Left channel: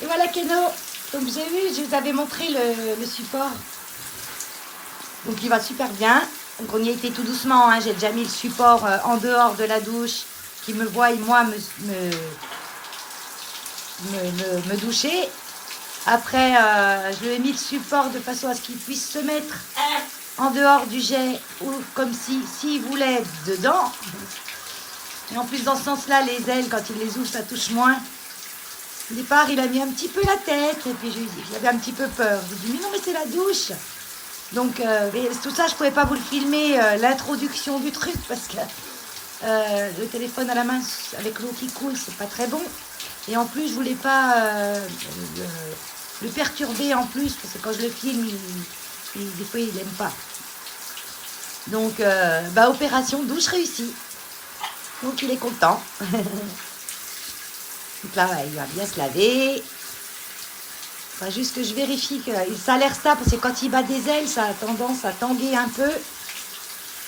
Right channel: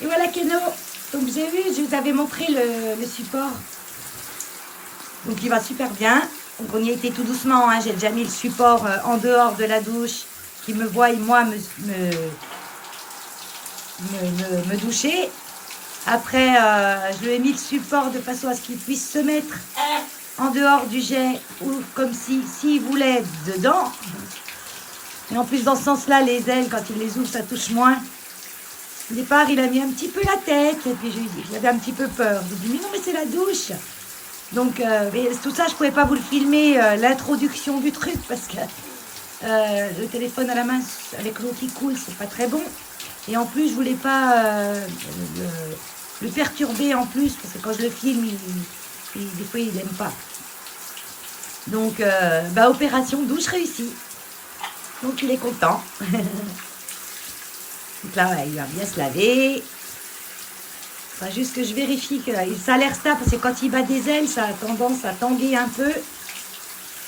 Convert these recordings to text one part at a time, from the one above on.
Et voilà Keno. Donc j'ai vu, je vous avais montré le support. Donc il va super bien. Donc on y a été tout doucement, hein. J'ai déjà mis le support en dehors de la douche, qui me voie, moi, me doucher. Après, je lui ai mis le support de façon à ce qu'il puisse se mettre en dehors du jet, ou comme s'il voulait dedans. Et en plus, dans ce sens-là, les ailes, quand il les ouvre, ça touche moins. Au départ, il a mis un petit peu la tête, et puis j'avais un petit peu peur. J'ai dit, mais non, mais c'est la douche. Donc, tout ça, je ne pouvais pas vous le filmer, l'introduction du truc, parce que le téléphone à la main, avec l'eau qui coule, c'est pas très bon. Et en plus, je voulais pas le perturber en plus, parce que quand je le filme, des fois, il n'aime pas. Donc, opération douche réussie. Donc, il est content. Donc là, il va bien se laver. Enfin, juste que je vérifie que ça a l'air stable, parce que quand il bat des ailes, ça a tendance à tanguer un peu.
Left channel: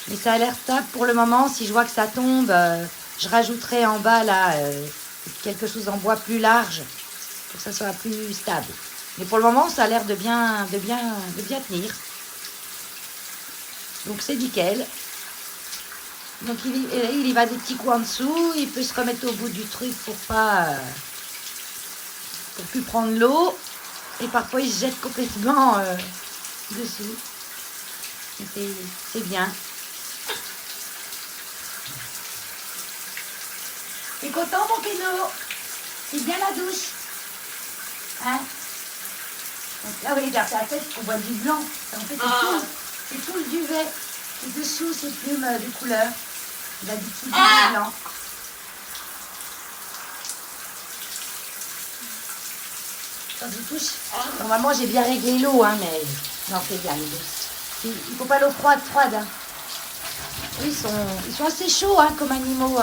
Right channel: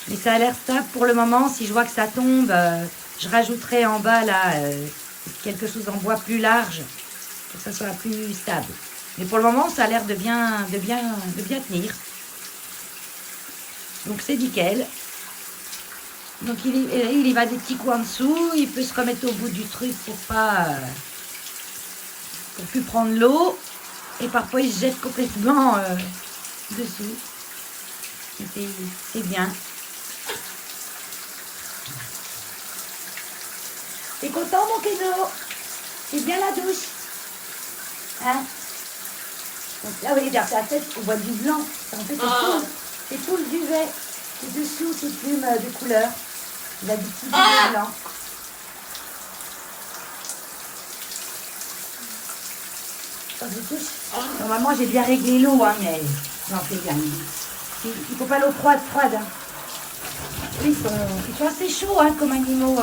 Mais ça a l'air stable pour le moment. Si je vois que ça tombe, je rajouterai en bas là quelque chose en bois plus large pour que ça soit plus stable. Mais pour le moment, ça a l'air de bien tenir. Donc c'est nickel. Donc il y va des petits coups en dessous. Il peut se remettre au bout du truc pour plus prendre l'eau. Et parfois il se jette complètement dessous. C'est bien. T'es content mon Keno? C'est bien la douche? Hein? Donc là, vous voyez, derrière sa tête, on voit du blanc. En fait, c'est tout le duvet. Et dessous, c'est plumes de couleur. Il a du petit duvet blanc. Ça se touche. Normalement, j'ai bien réglé l'eau, hein, mais non, c'est bien. Il ne faut pas l'eau froide. Hein. Oui, ils sont assez chauds hein, comme animaux.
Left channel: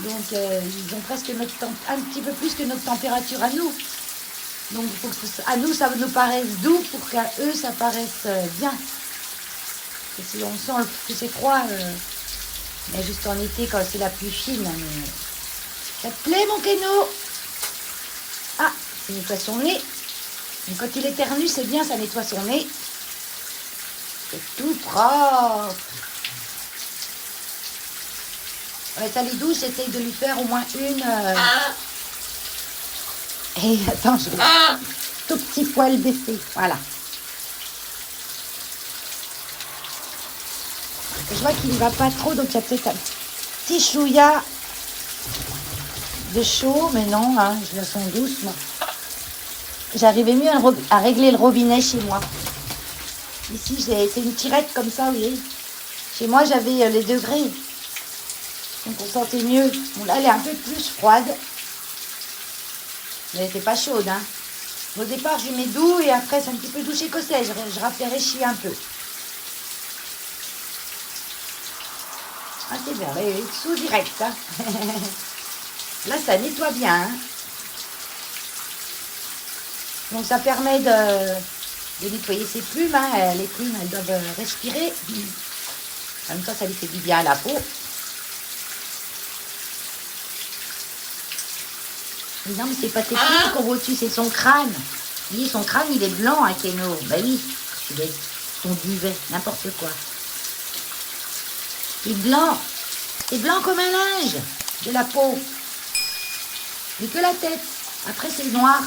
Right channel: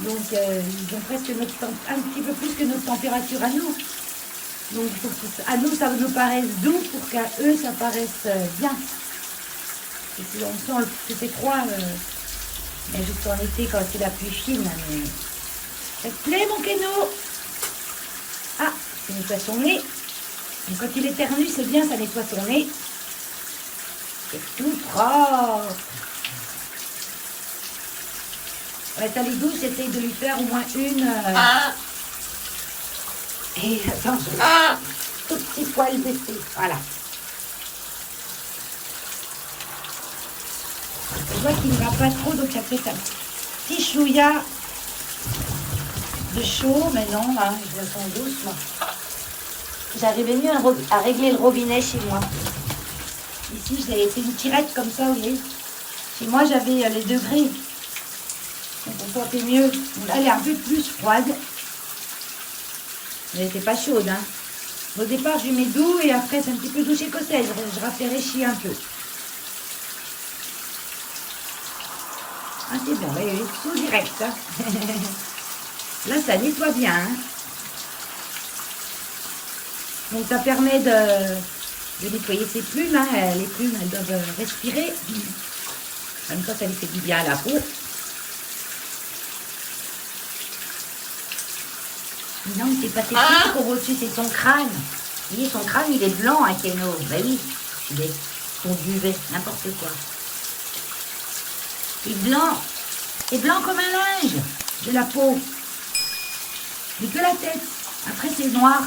Donc, ils ont presque un petit peu plus que notre température à nous. Donc, à nous, ça nous paraisse doux pour qu'à eux, ça paraisse bien. Et si on sent que c'est froid, mais juste en été, quand c'est la pluie fine. Mais... Ça te plaît, mon Keno? Ah, il nettoie son nez. Et quand il éternue, c'est bien, ça nettoie son nez. C'est tout propre. Ouais, ta douche, c'était de lui faire au moins une... Et attends, tout petit poil baissé. Voilà. Je vois qu'il ne va pas trop, donc il y a peut-être un petit chouïa de chaud, mais non, hein, je le sens douce. J'arrivais mieux à régler le robinet chez moi. Ici, c'est une tirette comme ça, vous voyez. Chez moi, j'avais les degrés. Donc on sentait mieux. Bon, là, elle est un peu plus froide. Elle n'était pas chaude, hein. Au départ, je lui mets doux et après, c'est un petit peu doux chez Cossel. Je rafraîchis un peu. Ah, c'est bon, elle est sous direct, hein. Là, ça nettoie bien, hein. Donc, ça permet de nettoyer ses plumes, hein. Les plumes, elles doivent respirer. En même temps, ça lui fait du bien à la peau. Non, mais c'est pas ses plumes qu'on voit dessus, c'est son crâne. Vous voyez, son crâne, il est blanc, hein, Keno. Ben oui, il est son duvet, n'importe quoi. Il est blanc. C'est blanc comme un linge de la peau. Mais que la tête. Après, c'est noir.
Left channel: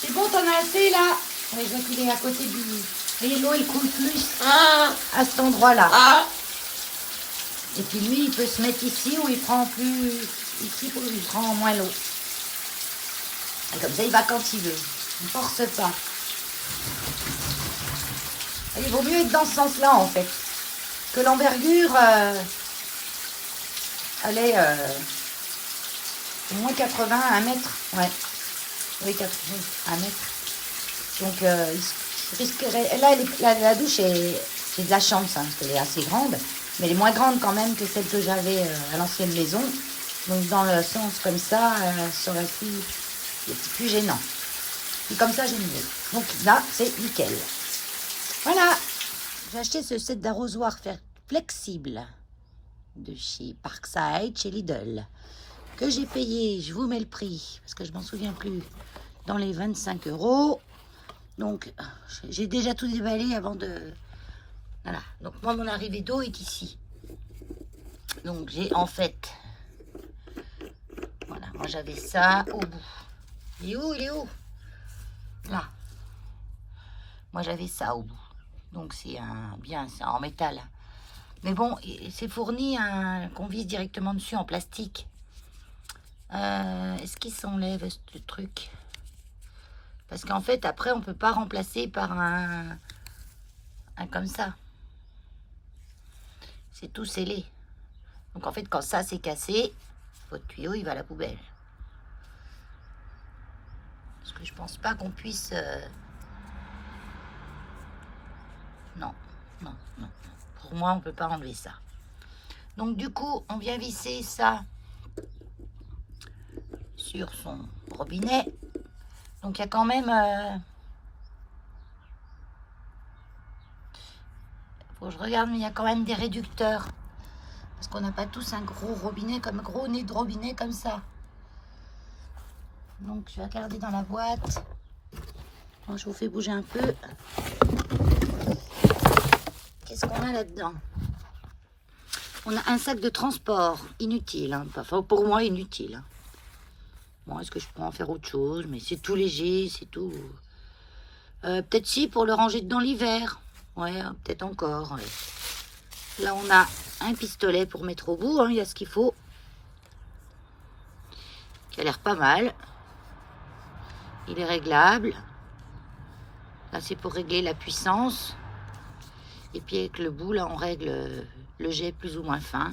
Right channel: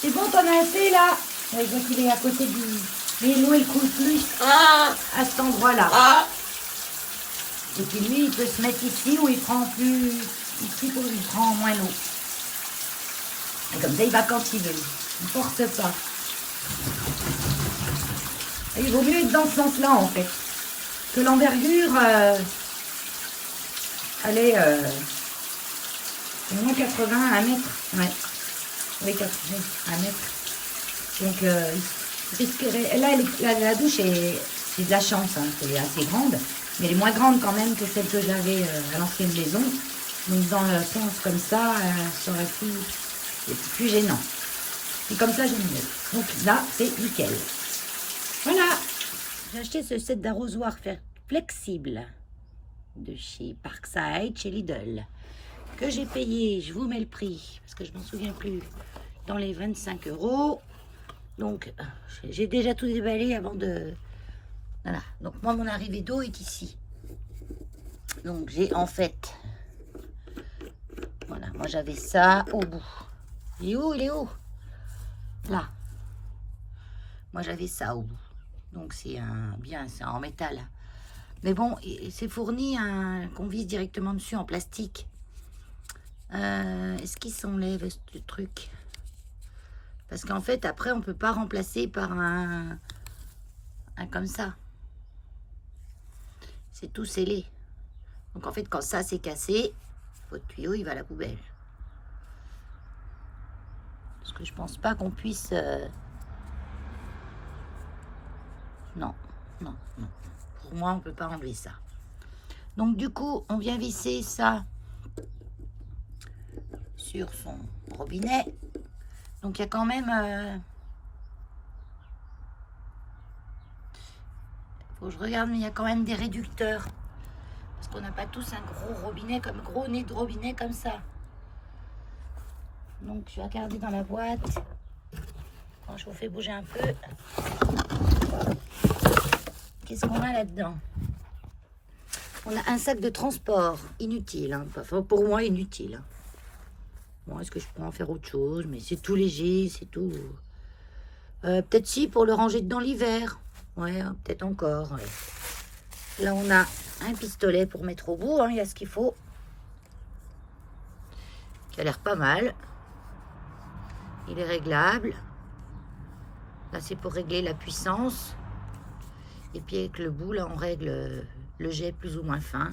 C'est bon, t'en as assez, là? Ouais, je vais filer à côté du... Mais l'eau, elle coule plus à cet endroit-là. Et puis lui, il peut se mettre ici où il prend plus... Ici, où il prend moins l'eau. Et comme ça, il va quand il veut. Il ne force pas. Et il vaut mieux être dans ce sens-là, en fait. Que l'envergure, elle est au moins 80, 1 mètre. Ouais. Oui, 80, 1 mètre. Donc, il risquerait... Là, la douche, c'est de la chance. Hein. Elle est assez grande. Mais elle est moins grande quand même que celle que j'avais à l'ancienne maison. Donc dans le sens comme ça, ça aurait pu être plus gênant. Et comme ça, j'aime mieux. Donc là, c'est nickel. Voilà. J'ai acheté ce set d'arrosoir flexible. de chez Parkside, chez Lidl, que j'ai payé, je vous mets le prix, parce que je m'en souviens plus, dans les 25 €. Donc, j'ai déjà tout déballé avant de... Voilà, donc moi, mon arrivée d'eau est ici. Donc, j'ai en fait... Voilà, moi, j'avais ça au bout. Il est où? Il est où? Là. Moi, j'avais ça au bout. Donc, c'est c'est en métal. Mais bon, c'est fourni qu'on vise directement dessus en plastique. Est-ce qu'il s'enlève ce truc? Parce qu'en fait, après, on peut pas remplacer par un comme ça. C'est tout scellé. Donc en fait, quand ça c'est cassé, votre tuyau il va à la poubelle. Parce que je pense pas qu'on puisse... Non, non, non. Pour moi, on peut pas enlever ça. Donc du coup, on vient visser ça sur son robinet. Donc il y a quand même... faut que je regarde, mais il y a quand même des réducteurs. Parce qu'on n'a pas tous un gros robinet, comme gros nez de robinet comme ça. Donc je vais regarder dans la boîte. Quand je vous fais bouger un peu. Qu'est-ce qu'on a là-dedans? On a un sac de transport, inutile. Hein. Enfin, pour moi, inutile. Hein. Bon, est-ce que je pourrais en faire autre chose? Mais c'est tout léger, c'est tout... peut-être si, pour le ranger dedans l'hiver. Ouais, peut-être encore. Ouais. Là, on a un pistolet pour mettre au bout. Hein. Il y a ce qu'il faut. Qui a l'air pas mal. Il est réglable. Là, c'est pour régler la puissance. Et puis, avec le bout, là, on règle le jet plus ou moins fin.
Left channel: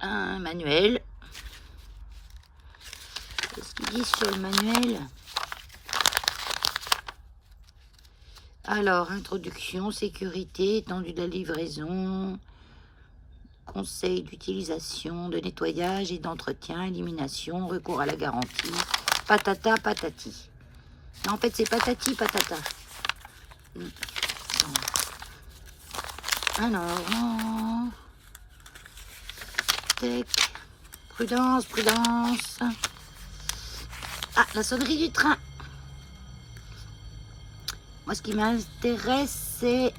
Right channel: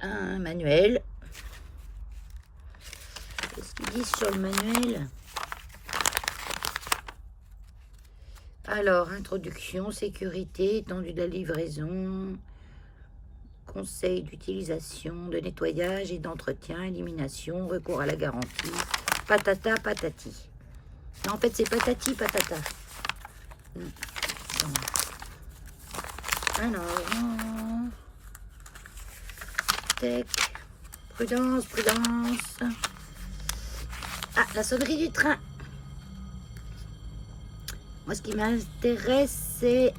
Un manuel. Qu'est-ce qu'ils disent sur le manuel? Alors, introduction, sécurité, étendue de la livraison, conseil d'utilisation, de nettoyage et d'entretien, élimination, recours à la garantie, patata, patati. Non, en fait, c'est patati, patata. Alors, tac, prudence, prudence. Ah, la sonnerie du train. Moi, ce qui m'intéresse, c'est...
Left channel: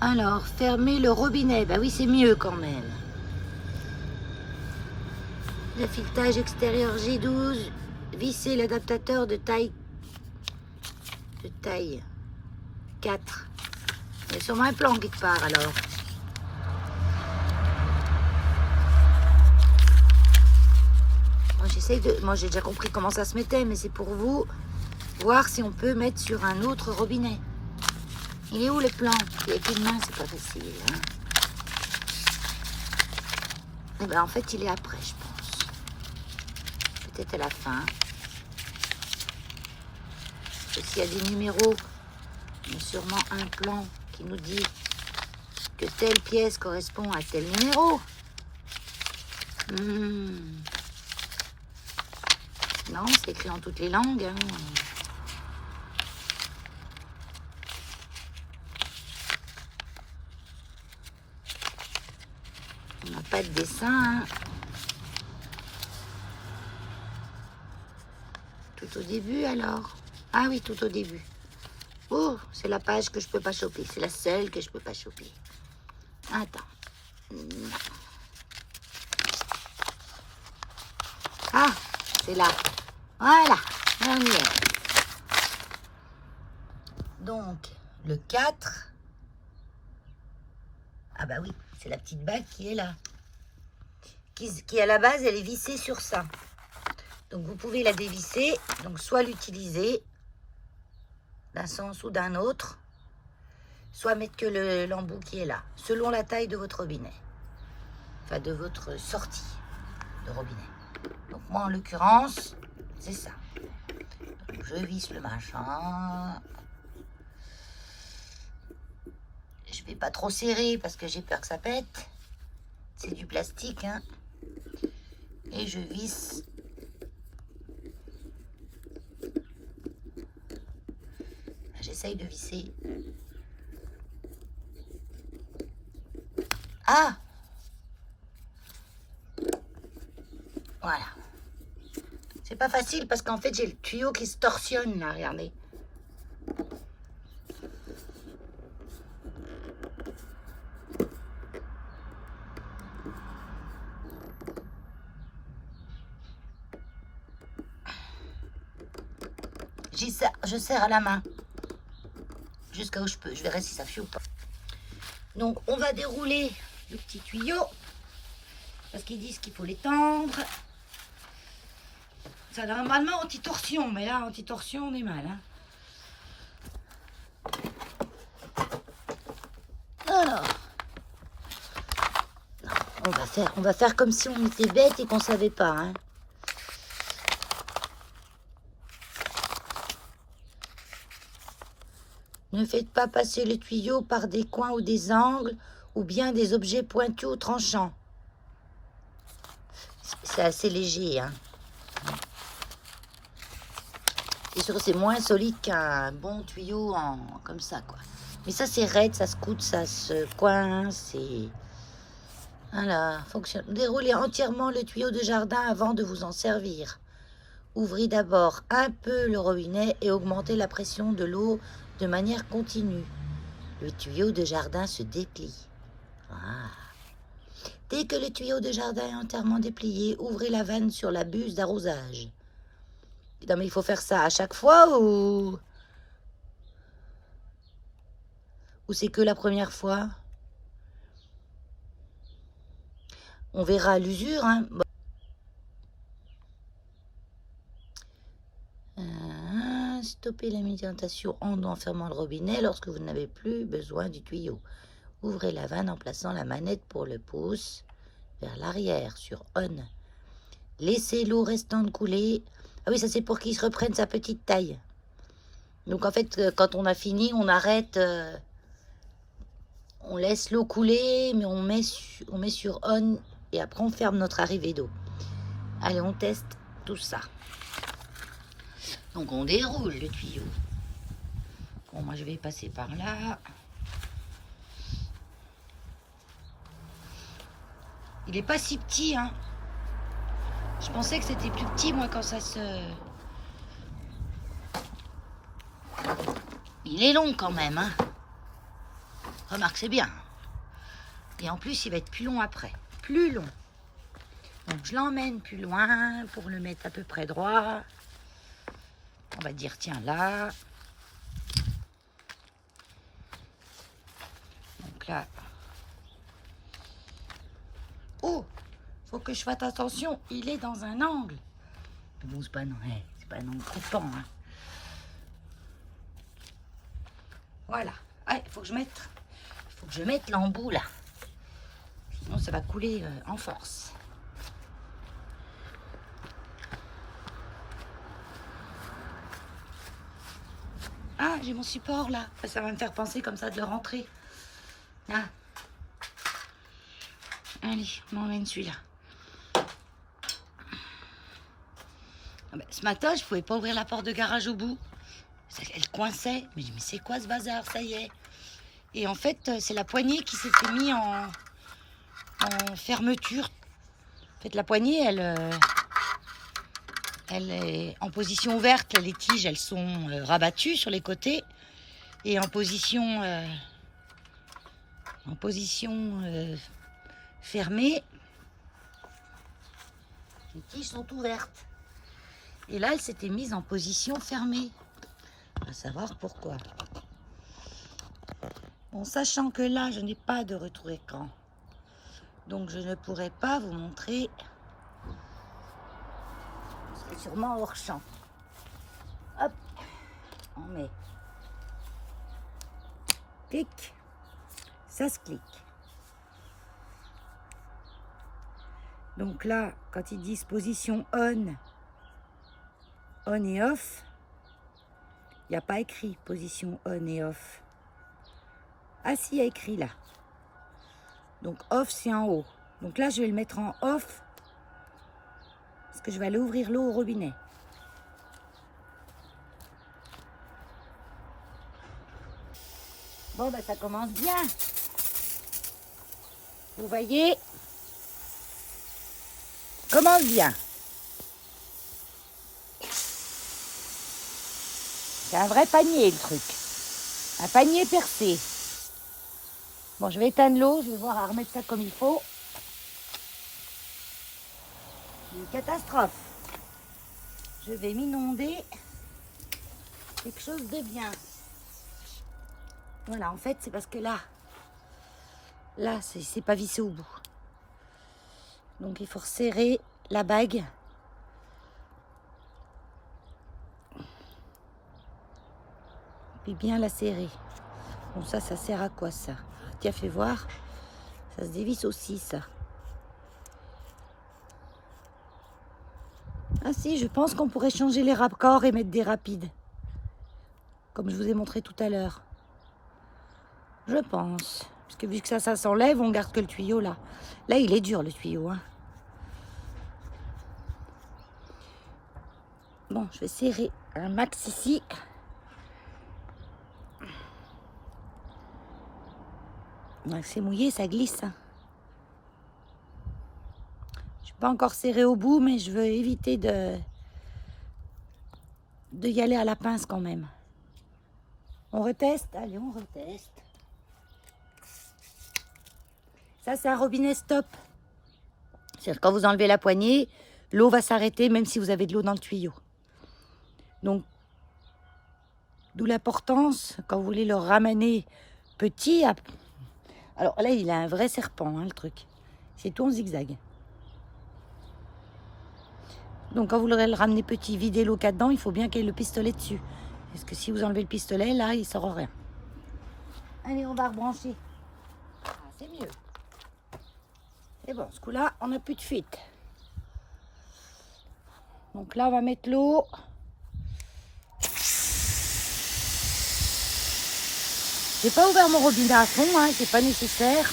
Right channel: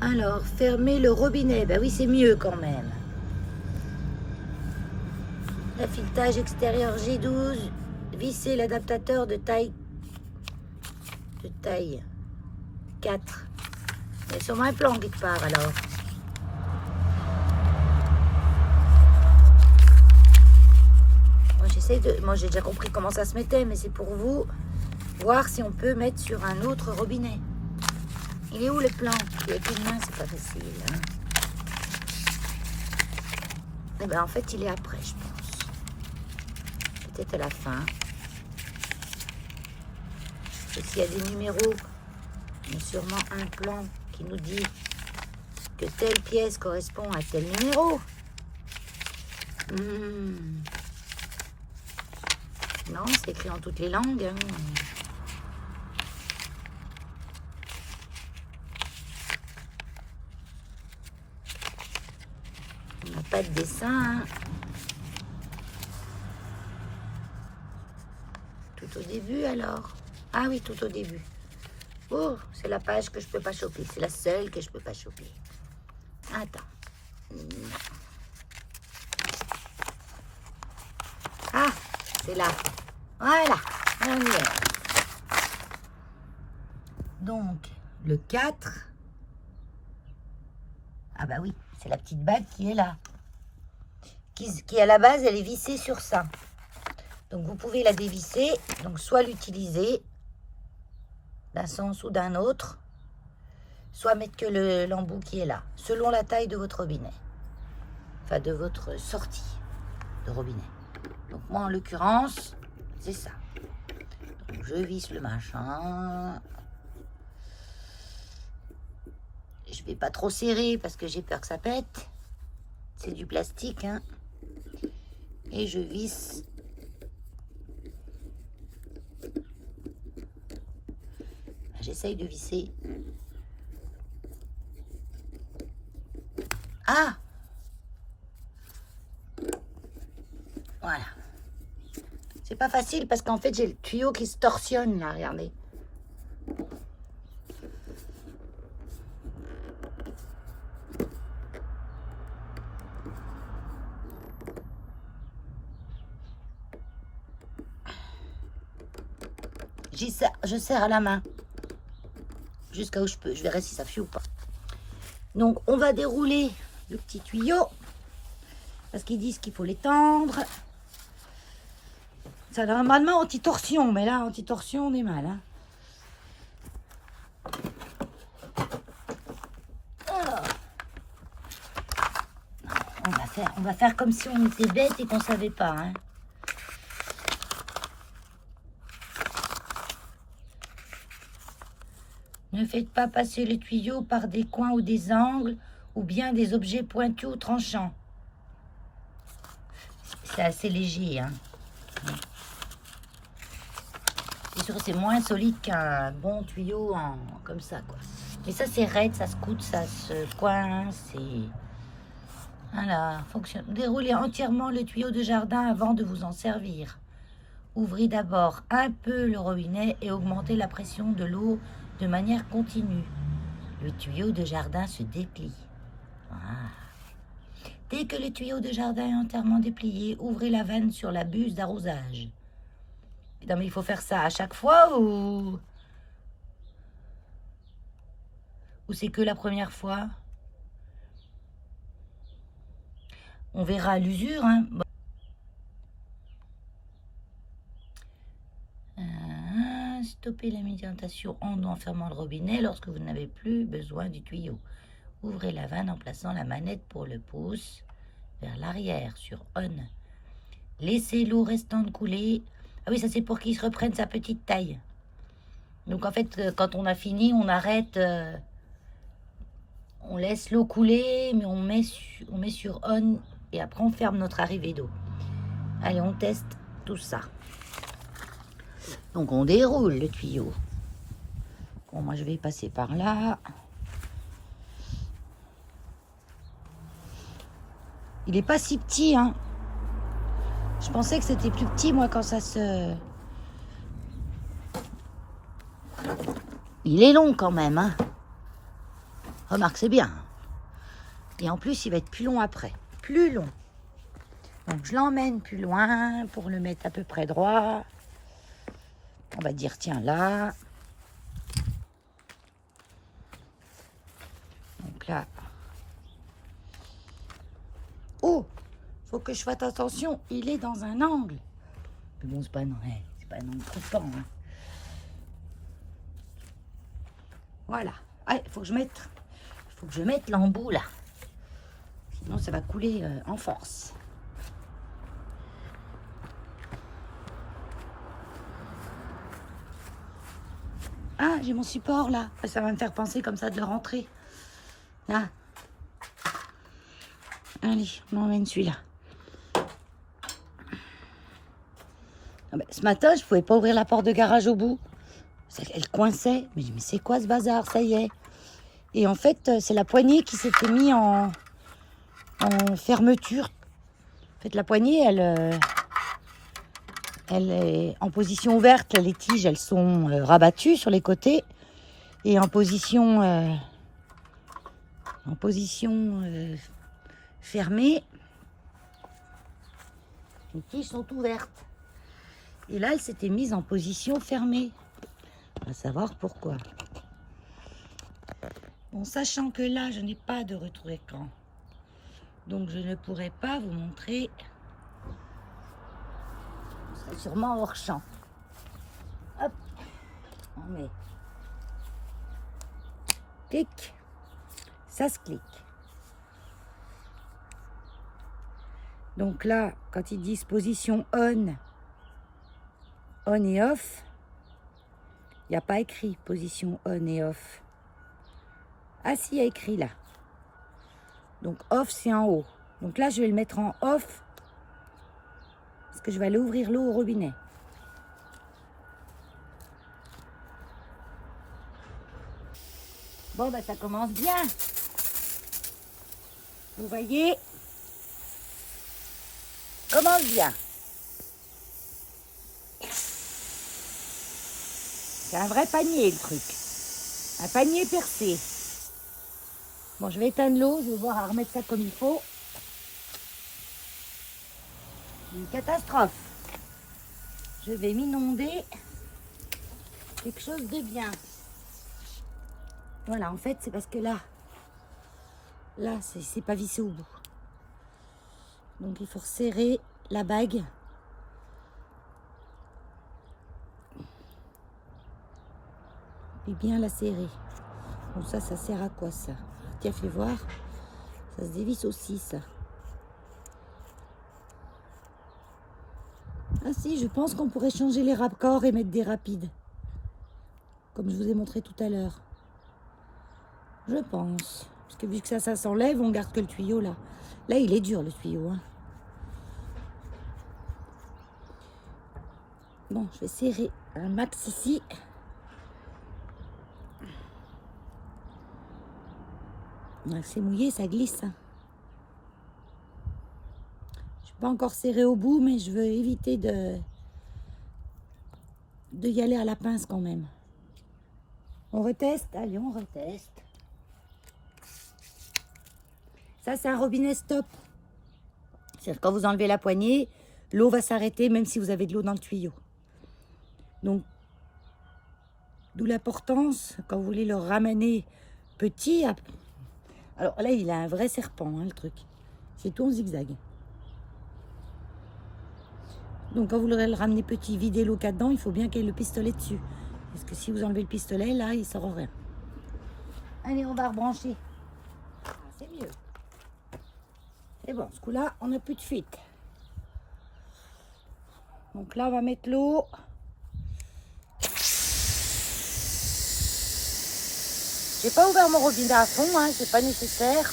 Alors, fermer le robinet. Ben oui, c'est mieux quand même. L'affiltrage extérieur G12. Visser l'adaptateur de taille 4. Il y a sûrement un plan quelque part, alors. Moi, j'ai déjà compris comment ça se mettait, mais c'est pour vous voir si on peut mettre sur un autre robinet. Il est où le plan? Avec une main, c'est pas facile. Hein. Eh ben, en fait, il est après, je pense. Peut-être à la fin. Parce que s'il y a des numéros, il y a sûrement un plan qui nous dit que telle pièce correspond à tel numéro. Non, c'est écrit en toutes les langues. Hein. On n'a pas de dessin. Hein. Tout au début, alors. Ah oui, tout au début. Oh, c'est la page que je peux pas choper. C'est la seule que je peux pas choper. Attends. Non. Ah, c'est là. Voilà, on y est. Donc, le 4. Ah bah oui, c'est la petite bague qui est là. Qui à la base, elle est vissée sur ça. Donc, vous pouvez la dévisser. Donc, soit l'utiliser d'un sens ou d'un autre, soit mettre que l'embout qui est là, selon la taille de votre robinet. Enfin, de votre sortie de robinet. Donc, moi, en l'occurrence, c'est ça. Donc, je visse le machin. Je vais pas trop serrer parce que j'ai peur que ça pète. C'est du plastique, hein. Et je visse. J'essaye de visser Ah, voilà. C'est pas facile parce qu'en fait, j'ai le tuyau qui se torsionne, là, regardez. Je serre à la main. Jusqu'à où je peux. Je verrai si ça fuit ou pas. Donc, on va dérouler le petit tuyau. Parce qu'ils disent qu'il faut l'étendre. Ça normalement anti-torsion. Mais là, anti-torsion, on est mal. Hein. Alors. On va faire comme si on était bête et qu'on ne savait pas. Hein. Ne faites pas passer le tuyau par des coins ou des angles ou bien des objets pointus ou tranchants. C'est assez léger. Hein. Et surtout, c'est moins solide qu'un bon tuyau comme ça. Quoi. Mais ça, c'est raide, ça se coude, ça se coince. Et... Voilà, fonctionne. Déroulez entièrement le tuyau de jardin avant de vous en servir. Ouvrez d'abord un peu le robinet et augmentez la pression de l'eau de manière continue. Le tuyau de jardin se déplie. Ah. Dès que le tuyau de jardin est entièrement déplié, ouvrez la vanne sur la buse d'arrosage. Non mais il faut faire ça à chaque fois ou c'est que la première fois? On verra à l'usure. Hein. Stoppez l'alimentation en fermant le robinet lorsque vous n'avez plus besoin du tuyau. Ouvrez la vanne en plaçant la manette pour le pouce vers l'arrière sur on. Laissez l'eau restante couler. Ah oui, ça c'est pour qu'il reprenne sa petite taille. Donc en fait, quand on a fini, on arrête, on laisse l'eau couler, mais on met sur on et après on ferme notre arrivée d'eau. Allez, on teste tout ça. Donc on déroule le tuyau. Bon, moi je vais passer par là. Il est pas si petit, hein. Je pensais que c'était plus petit, moi, quand ça se... Il est long quand même, hein. Remarque, c'est bien. Et en plus, il va être plus long après. Plus long. Donc, je l'emmène plus loin pour le mettre à peu près droit. On va dire, tiens, là. Donc là. Oh, faut que je fasse attention. Il est dans un angle. Mais bon, c'est pas un angle coupant. Hein. Voilà. Ah, il faut que je mette l'embout là. Sinon, ça va couler en force. Ah, j'ai mon support là. Ça va me faire penser comme ça de le rentrer. Là. Allez, on emmène celui-là. Ah ben, ce matin, je pouvais pas ouvrir la porte de garage au bout. Elle coinçait. Mais c'est quoi ce bazar? Ça y est. Et en fait, c'est la poignée qui s'était mise en fermeture. En fait, la poignée, elle est en position ouverte. Les tiges, elles sont rabattues sur les côtés. Et en position fermée, les tiges sont ouvertes. Et là, elle s'était mise en position fermée. On va savoir pourquoi. Bon, sachant que là, je n'ai pas de retour écran. Donc, je ne pourrai pas vous montrer. C'est sûrement hors champ. Hop, on met. Clic. Ça se clique. Donc là, quand ils disent position on et off, il n'y a pas écrit position on et off. Ah si, il y a écrit là. Donc off, c'est en haut. Donc là, je vais le mettre en off parce que je vais aller ouvrir l'eau au robinet. Bon, ben ça commence bien. Vous voyez comment bien. C'est un vrai panier le truc. Un panier percé. Bon, je vais éteindre l'eau, je vais voir à remettre ça comme il faut. Une catastrophe. Je vais m'inonder quelque chose de bien. Voilà, en fait, c'est parce que là, c'est pas vissé au bout. Donc, il faut resserrer la bague. Puis bien la serrer. Bon, ça sert à quoi, ça? Tiens, fais voir. Ça se dévisse aussi, ça. Ah si, je pense qu'on pourrait changer les raccords et mettre des rapides. Comme je vous ai montré tout à l'heure. Je pense. Parce que vu que ça s'enlève, on garde que le tuyau là. Là, il est dur, le tuyau. Hein. Bon, je vais serrer un max ici. C'est mouillé, ça glisse. Hein. Je suis pas encore serré au bout, mais je veux éviter de y aller à la pince quand même. On reteste? Allez, on reteste. Ça, c'est un robinet stop. C'est-à-dire quand vous enlevez la poignée, l'eau va s'arrêter même si vous avez de l'eau dans le tuyau. Donc, d'où l'importance, quand vous voulez le ramener petit... Alors là, il a un vrai serpent, hein, le truc. C'est tout en zigzag. Donc, quand vous voulez le ramener petit, vider l'eau qu'il y a dedans, il faut bien qu'il y ait le pistolet dessus. Parce que si vous enlevez le pistolet, là, il ne sort rien. Allez, on va rebrancher. Ah, c'est mieux. C'est bon, ce coup-là, on n'a plus de fuite. Donc là, on va mettre l'eau. J'ai pas ouvert mon robinet à fond, hein, c'est pas nécessaire.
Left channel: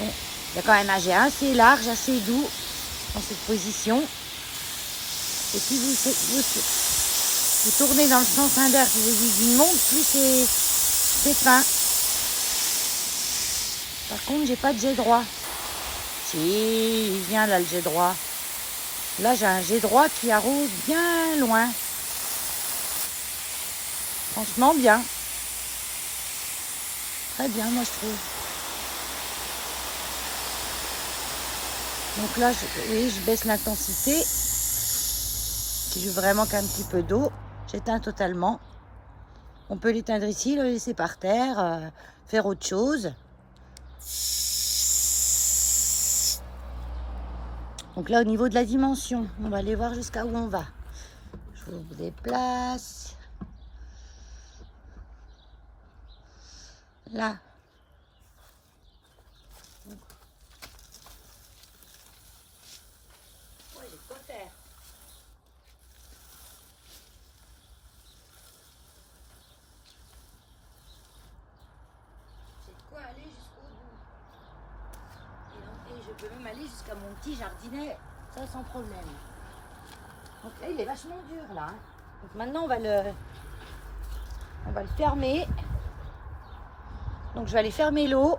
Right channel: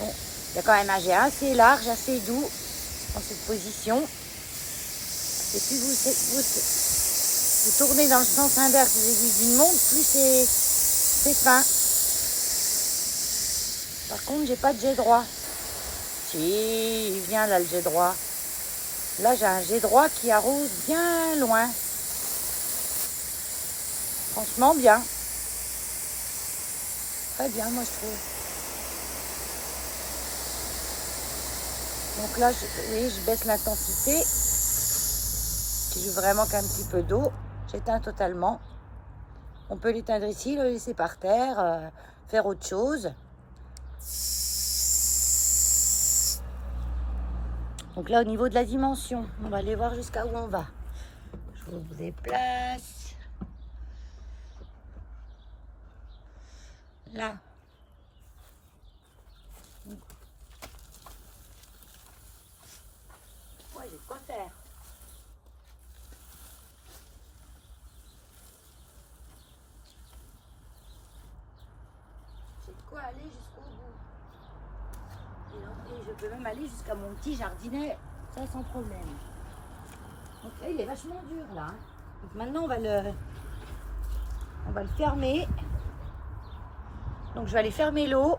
Bon, il y a quand même un jet assez large, assez doux dans cette position. Et plus vous tournez dans le sens inverse des aiguilles montent, plus c'est fin. Par contre, j'ai pas de jet droit. Si, il vient là le jet droit. Là, j'ai un jet droit qui arrose bien loin. Franchement, bien. Très bien, moi, je trouve. Donc là, je baisse l'intensité. Si je veux vraiment qu'un petit peu d'eau, j'éteins totalement. On peut l'éteindre ici, le laisser par terre, faire autre chose. Donc là, au niveau de la dimension, on va aller voir jusqu'à où on va. Je vous déplace. Là. Ouais, j'ai de quoi faire. J'ai de quoi aller jusqu'au bout. Et je peux même aller jusqu'à mon petit jardinet, ça sans problème. Donc là, il est vachement dur là. Hein. Donc maintenant, on va le fermer. Donc je vais aller fermer l'eau.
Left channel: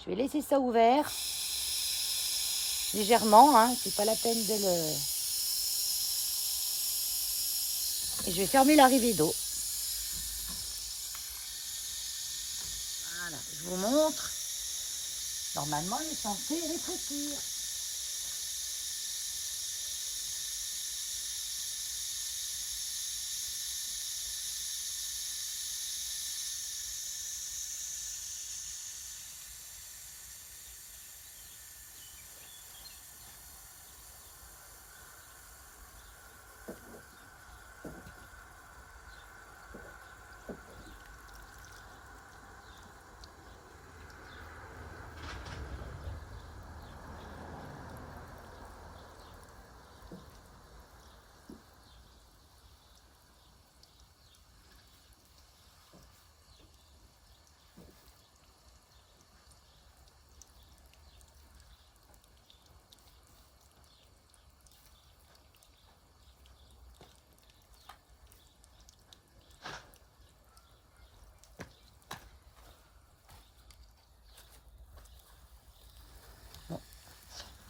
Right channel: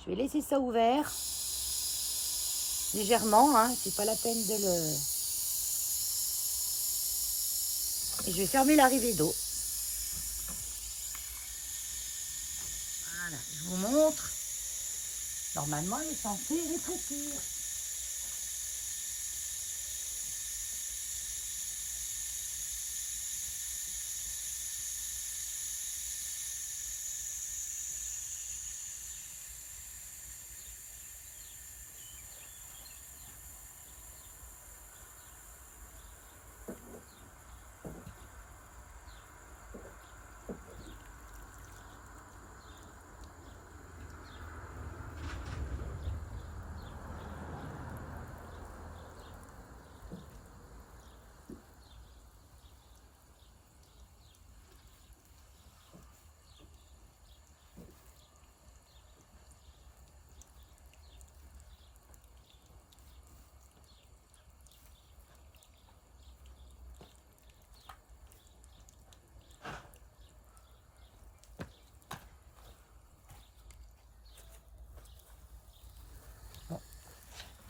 Je vais laisser ça ouvert. Légèrement, hein, c'est pas la peine de le... Et je vais fermer l'arrivée d'eau. Voilà, je vous montre. Normalement, il est censé rétrécir.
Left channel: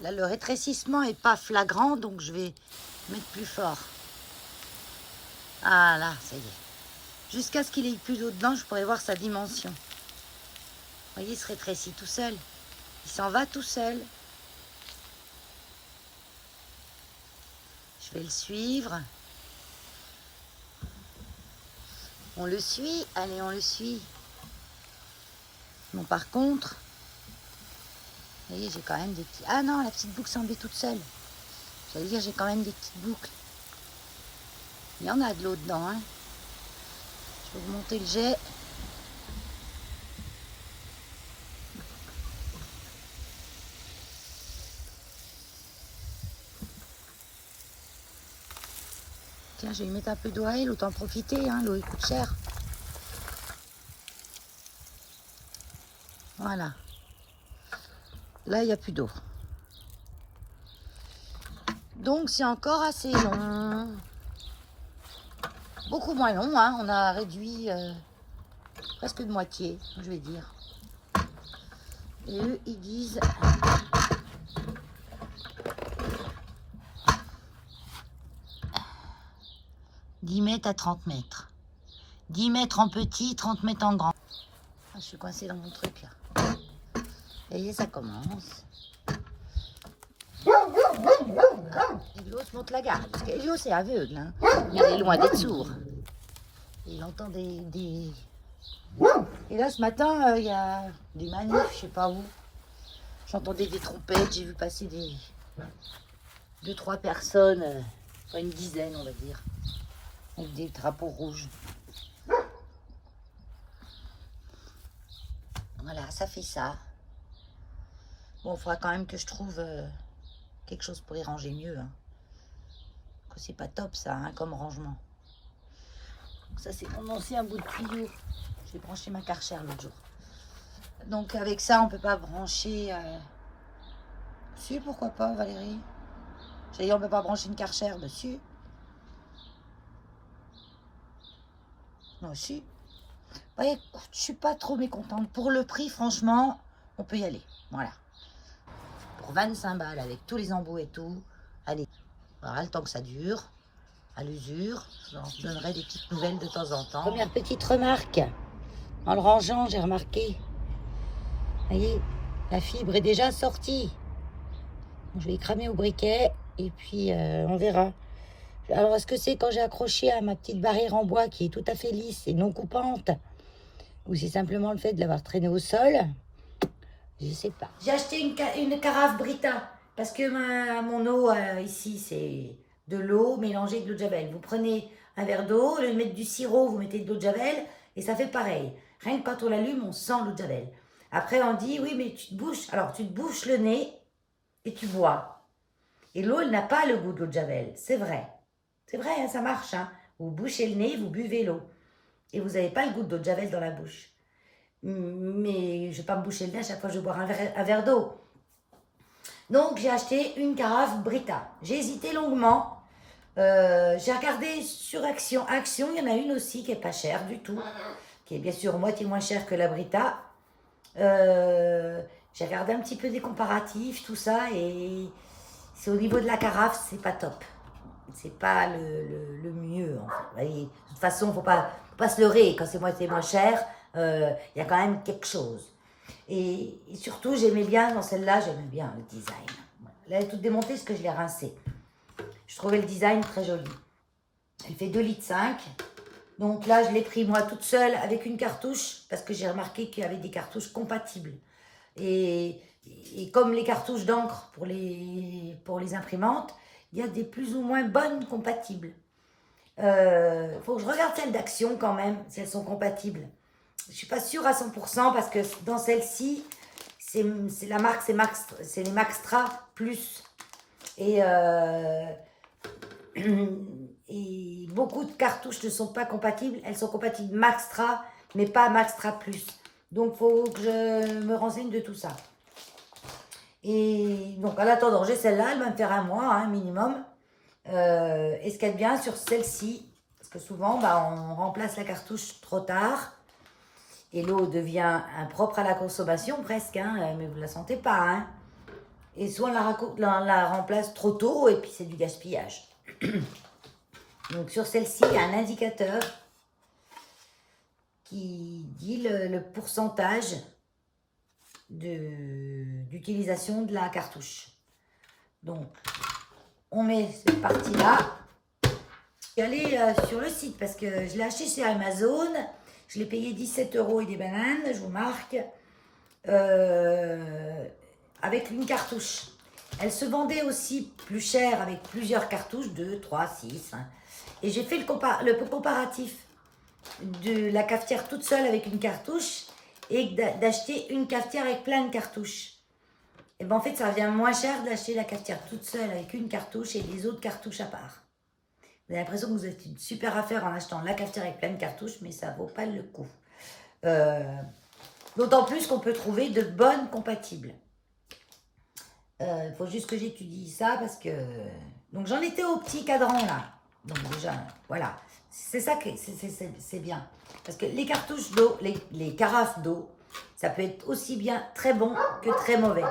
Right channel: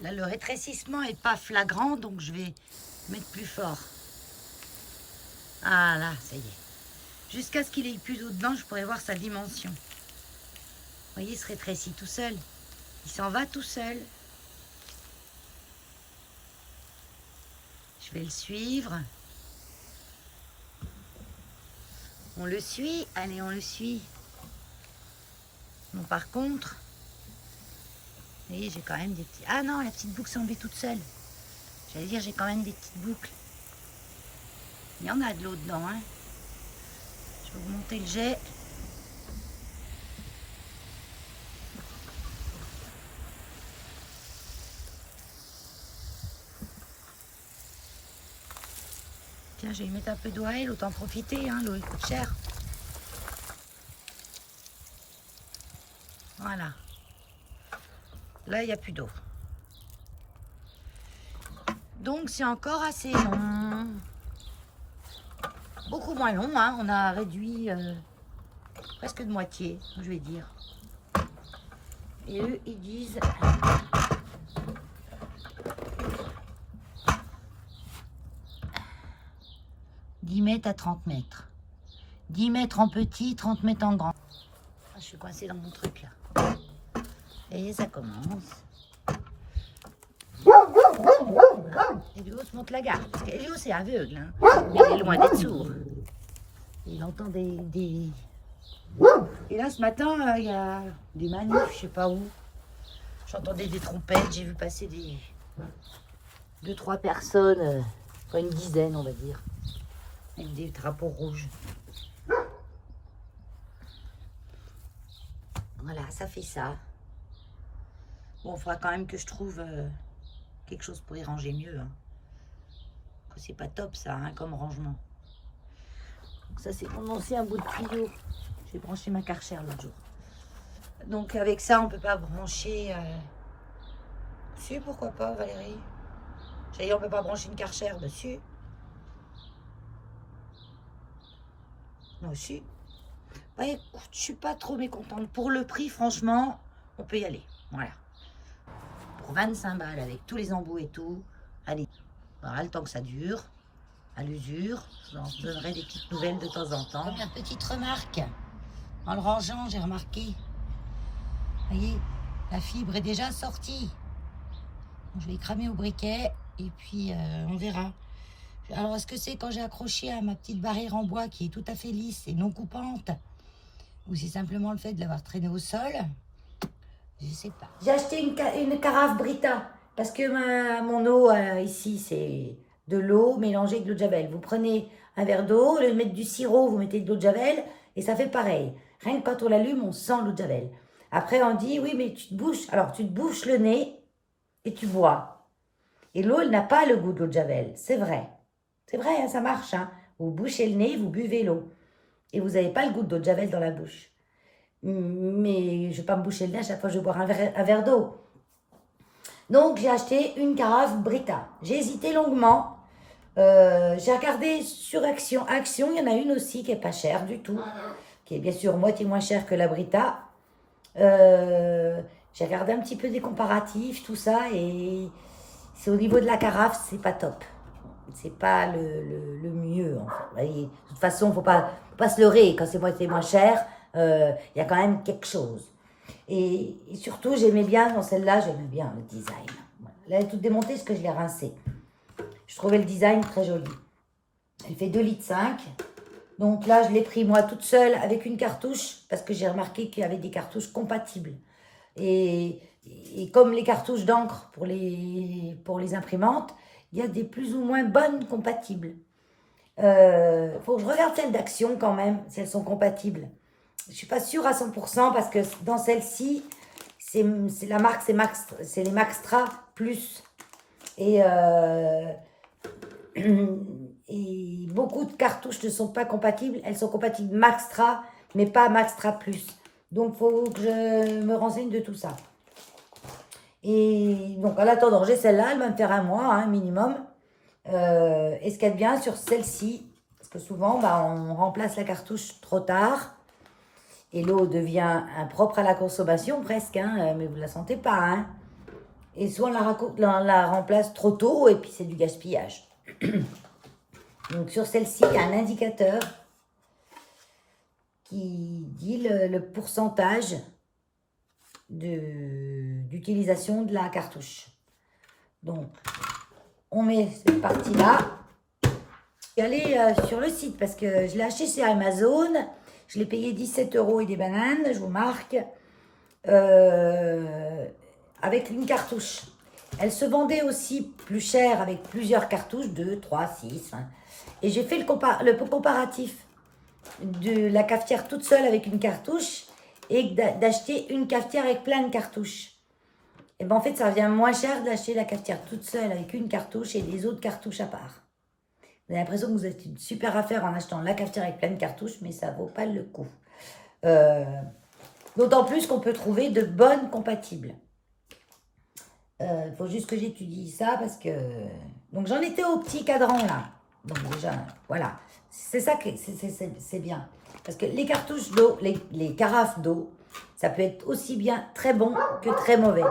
Là, le rétrécissement est pas flagrant, donc je vais mettre plus fort. Ah là, ça y est. Jusqu'à ce qu'il ait plus d'eau dedans, je pourrais voir sa dimension. Vous voyez, il se rétrécit tout seul. Il s'en va tout seul. Je vais le suivre. On le suit. Allez, on le suit. Bon, par contre, vous voyez, j'ai quand même des petits... Ah non, la petite boucle s'est enlevée toute seule. J'allais dire, j'ai quand même des petites boucles. Il y en a de l'eau dedans, hein. Je vais vous monter le jet. Tiens, je vais lui mettre un peu d'eau à elle, autant profiter, hein, l'eau elle coûte cher. Voilà. Là, il n'y a plus d'eau. Donc, c'est encore assez long. Beaucoup moins long, hein. On a réduit presque de moitié, je vais dire. Et eux, ils disent... 10 mètres à 30 mètres. 10 mètres en petit, 30 mètres en grand. Je suis coincée dans mon truc, là. Et ça commence. Elio se monte la garde. Parce qu'Elio, c'est aveugle. Hein. Mais il est loin d'être sourd. Il entend des... Et là, ce matin, il y a des manifs, je sais pas où. J'entendais des trompettes. J'ai vu passer des... 2-3 personnes. Enfin, une dizaine, on va dire. Avec des drapeaux rouges. Voilà, ça fait ça. Bon, il faudra quand même que je trouve quelque chose pour y ranger mieux. Hein. C'est pas top ça, hein, comme rangement. Donc ça, c'est mon ancien bout de tuyau. J'ai branché ma Karcher l'autre jour. Donc avec ça, on peut pas brancher... Si, pourquoi pas, Valérie? J'ai dit, on peut pas brancher une Karcher dessus. Non, si. Bah, écoute, je suis pas trop mécontente. Pour le prix, franchement, on peut y aller. Voilà. Pour 25 balles, avec tous les embouts et tout. Allez, voilà, le temps que ça dure. À l'usure, je vous donnerai des petites nouvelles de temps en temps. Première petite remarque. En le rangeant, j'ai remarqué. Vous voyez, la fibre est déjà sortie. Je vais y cramer au briquet et puis on verra. Alors, est-ce que c'est quand j'ai accroché à ma petite barrière en bois qui est tout à fait lisse et non coupante, ou c'est simplement le fait de l'avoir traîné au sol? Je sais pas. J'ai acheté une carafe Brita parce que mon eau ici, c'est de l'eau mélangée avec de l'eau de javel. Vous prenez un verre d'eau, au lieu de mettre du sirop, vous mettez de l'eau de javel et ça fait pareil. Rien que quand on l'allume, on sent l'eau de javel. Après, on dit, oui, mais tu te bouches. Alors, tu te bouches le nez et tu bois. Et l'eau, elle n'a pas le goût de l'eau de javel, c'est vrai. C'est vrai, hein, ça marche. Hein. Vous bouchez le nez, vous buvez l'eau. Et vous n'avez pas le goût d'eau de javel dans la bouche. Mais je ne vais pas me boucher le nez à chaque fois que je vais boire un verre d'eau. Donc, j'ai acheté une carafe Brita. J'ai hésité longuement. J'ai regardé sur Action. Action, il y en a une aussi qui n'est pas chère du tout. Qui est bien sûr moitié moins chère que la Brita. J'ai regardé un petit peu des comparatifs, tout ça. Et c'est au niveau de la carafe, c'est pas top. C'est pas le mieux, en fait. Vous voyez, de toute façon, faut pas se leurrer. Quand c'est moitié moins cher, il y a quand même quelque chose. Et surtout, j'aimais bien, dans celle-là, j'aimais bien le design. Voilà. Là, elle est toute démontée parce que je l'ai rincée. Je trouvais le design très joli. Elle fait 2,5 litres. Donc là, je l'ai pris moi toute seule avec une cartouche parce que j'ai remarqué qu'il y avait des cartouches compatibles. Et comme les cartouches d'encre pour les imprimantes, il y a des plus ou moins bonnes compatibles. Faut que je regarde celles d'Action quand même, si elles sont compatibles. Je ne suis pas sûre à 100% parce que dans celle-ci, c'est la marque, c'est les Maxtra Plus. Et beaucoup de cartouches ne sont pas compatibles. Elles sont compatibles Maxtra, mais pas Maxtra Plus. Donc, il faut que je me renseigne de tout ça. Et donc, en attendant, j'ai celle-là, elle va me faire un mois, hein, minimum. Et ce qu'il y a de bien sur celle-ci, parce que souvent, bah, on remplace la cartouche trop tard. Et l'eau devient impropre à la consommation, presque, hein, mais vous ne la sentez pas. Hein. Et soit on la remplace trop tôt et puis c'est du gaspillage. Donc sur celle-ci, il y a un indicateur qui dit le pourcentage d'utilisation de la cartouche. Donc, on met cette partie-là. Je suis allée sur le site parce que je l'ai acheté chez Amazon. Je l'ai payé 17 € et des bananes, je vous marque, avec une cartouche. Elle se vendait aussi plus cher avec plusieurs cartouches, 2, 3, 6. Hein. Et j'ai fait le comparatif de la cafetière toute seule avec une cartouche et d'acheter une cafetière avec plein de cartouches. Et ben en fait, ça revient moins cher d'acheter la cafetière toute seule avec une cartouche et les autres cartouches à part. Vous avez l'impression que vous êtes une super affaire en achetant la cafetière avec plein de cartouches, mais ça ne vaut pas le coup. D'autant plus qu'on peut trouver de bonnes compatibles. Il faut juste que j'étudie ça parce que... Donc j'en étais au petit cadran là. Donc déjà, voilà. C'est ça que c'est bien. Parce que les cartouches d'eau, les carafes d'eau, ça peut être aussi bien très bon que très mauvais.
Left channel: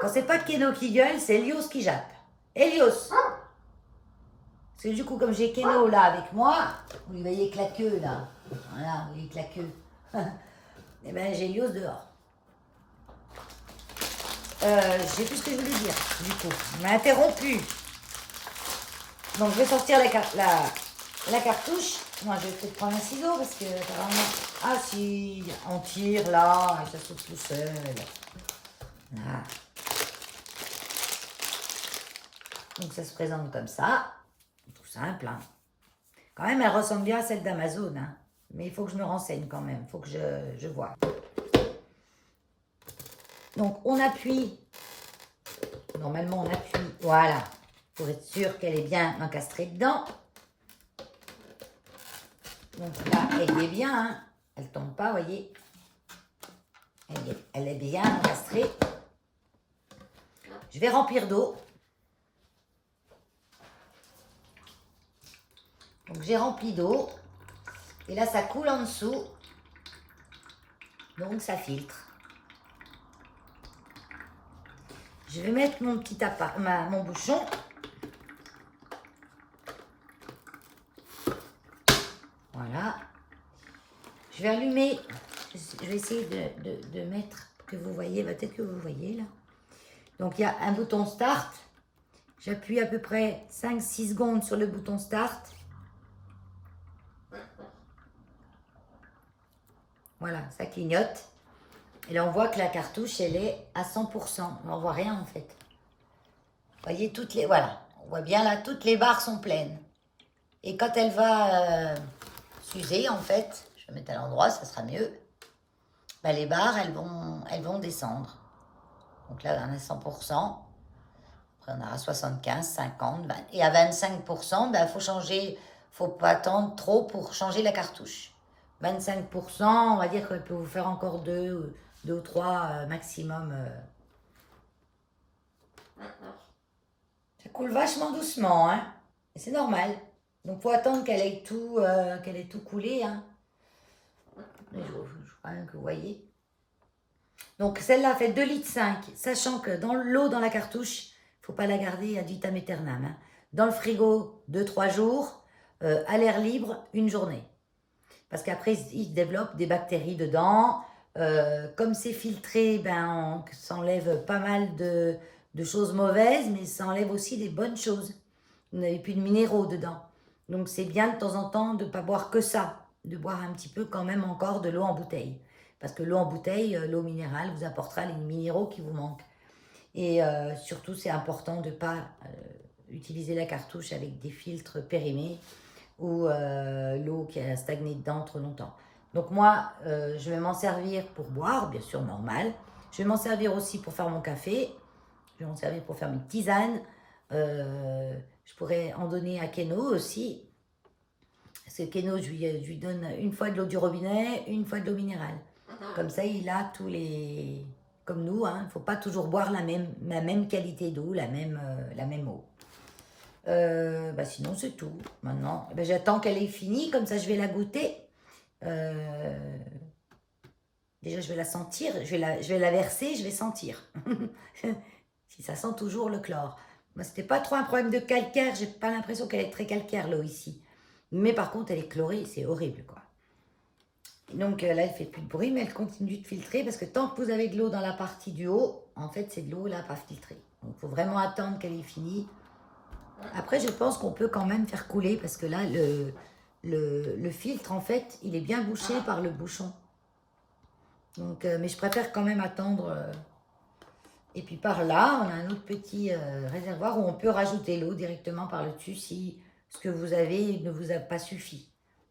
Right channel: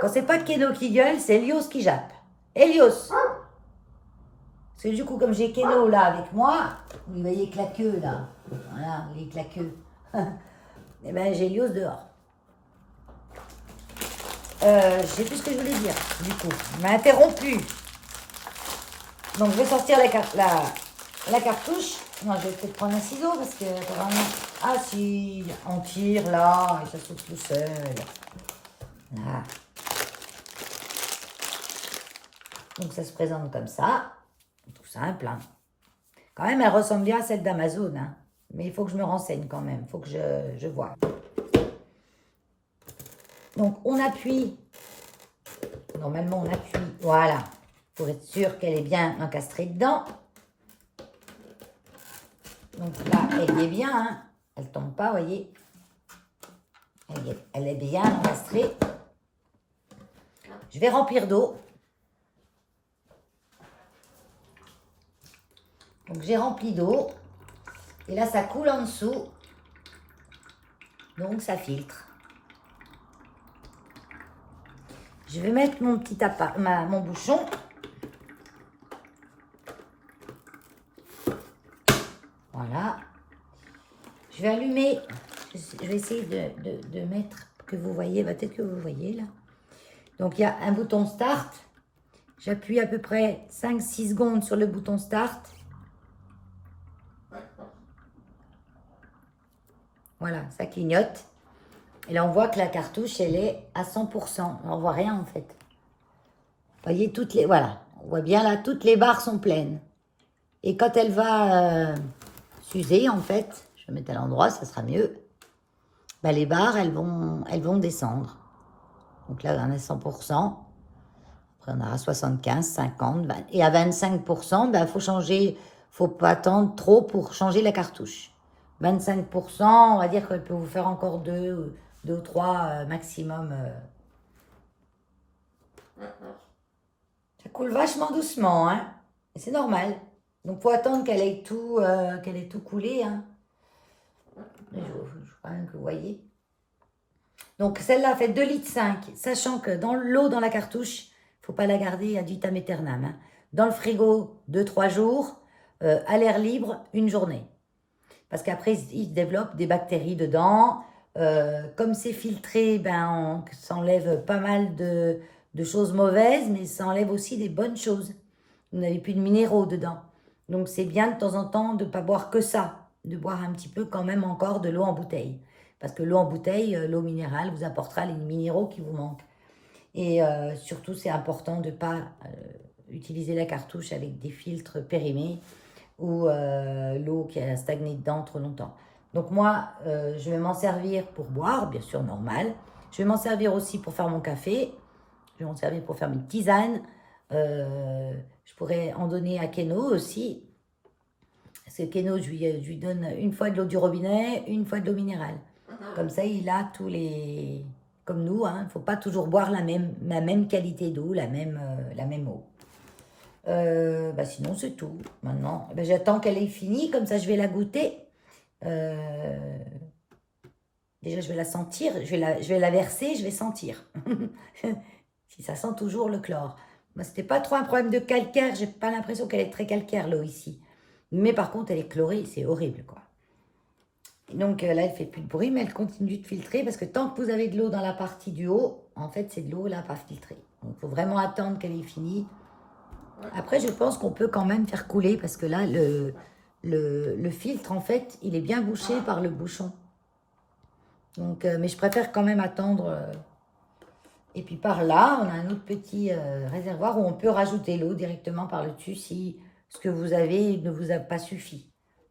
Quand c'est pas Keno qui gueule, c'est Elios qui jappe. Elios! Parce que du coup, comme j'ai Keno là avec moi, vous voyez claqueux là. Voilà, vous voyez claqueux. Et ben j'ai Elios dehors. Je sais plus ce que je voulais dire, du coup. Il m'a interrompu. Donc je vais sortir la cartouche. Non, je vais peut-être prendre un ciseau parce que apparemment... Ah si, on tire là et ça saute tout seul. Là. Donc ça se présente comme ça. Tout simple. Hein. Quand même, elle ressemble bien à celle d'Amazon. Hein. Mais il faut que je me renseigne quand même. Il faut que je vois. Donc on appuie. Normalement on appuie. Voilà. Pour être sûr qu'elle est bien encastrée dedans. Donc là, elle y est bien. Hein. Elle ne tombe pas, vous voyez. Elle est bien encastrée. Je vais remplir d'eau. Donc j'ai rempli d'eau. Et là, ça coule en dessous. Donc ça filtre. Je vais mettre mon petit mon bouchon. Voilà. Je vais allumer. Je vais essayer de mettre, que vous voyez, peut-être que vous voyez là. Donc il y a un bouton start. J'appuie à peu près 5-6 secondes sur le bouton start. Voilà, ça clignote. Et là, on voit que la cartouche, elle est à 100%. On ne voit rien, en fait. Vous voyez, voilà. On voit bien, là, toutes les barres sont pleines. Et quand elle va s'user, en fait, je vais mettre à l'endroit, ça sera mieux. Ben, les barres, elles vont descendre. Donc là, on est à 100%. Après, on aura 75, 50. 20. Et à 25%, ben, faut changer. Faut pas attendre trop pour changer la cartouche. 25%, on va dire qu'elle peut vous faire encore 2 ou 3 maximum. Ça coule vachement doucement, hein. C'est normal. Donc, il faut attendre qu'elle ait tout coulé, hein. Je crois même que vous voyez. Donc, celle-là fait 2,5 litres, sachant que dans l'eau dans la cartouche, il ne faut pas la garder ad vitam aeternam. Hein. Dans le frigo, 2-3 jours, à l'air libre, 1 journée. Parce qu'après, il se développe des bactéries dedans. Comme c'est filtré, ben, on s'enlève pas mal de choses mauvaises, mais ça enlève aussi des bonnes choses. Vous n'avez plus de minéraux dedans. Donc, c'est bien de temps en temps de ne pas boire que ça, de boire un petit peu quand même encore de l'eau en bouteille. Parce que l'eau en bouteille, l'eau minérale, vous apportera les minéraux qui vous manquent. Et surtout, c'est important de ne pas utiliser la cartouche avec des filtres périmés ou l'eau qui a stagné dedans trop longtemps. Donc moi, je vais m'en servir pour boire, bien sûr, normal. Je vais m'en servir aussi pour faire mon café. Je vais m'en servir pour faire mes tisanes. Je pourrais en donner à Keno aussi. Parce que Keno, je lui donne une fois de l'eau du robinet, une fois de l'eau minérale. Comme ça, il a tous les... Comme nous, hein, il ne faut pas toujours boire la même qualité d'eau, la même eau. Sinon, c'est tout. Maintenant, j'attends qu'elle ait fini, comme ça, je vais la goûter. Déjà, je vais la sentir, je vais la verser, je vais sentir. Si ça sent toujours le chlore. Moi, c'était pas trop un problème de calcaire. J'ai pas l'impression qu'elle est très calcaire, l'eau ici. Mais par contre, elle est chlorée. C'est horrible, quoi. Et donc là, elle fait plus de bruit, mais elle continue de filtrer. Parce que tant que vous avez de l'eau dans la partie du haut, en fait, c'est de l'eau là, pas filtrée. Donc, il faut vraiment attendre qu'elle ait fini. Après, je pense qu'on peut quand même faire couler. Parce que là, le filtre, en fait, il est bien bouché par le bouchon. Donc, mais je préfère quand même attendre. Et puis par là, on a un autre petit réservoir où on peut rajouter l'eau directement par le dessus si ce que vous avez ne vous a pas suffi.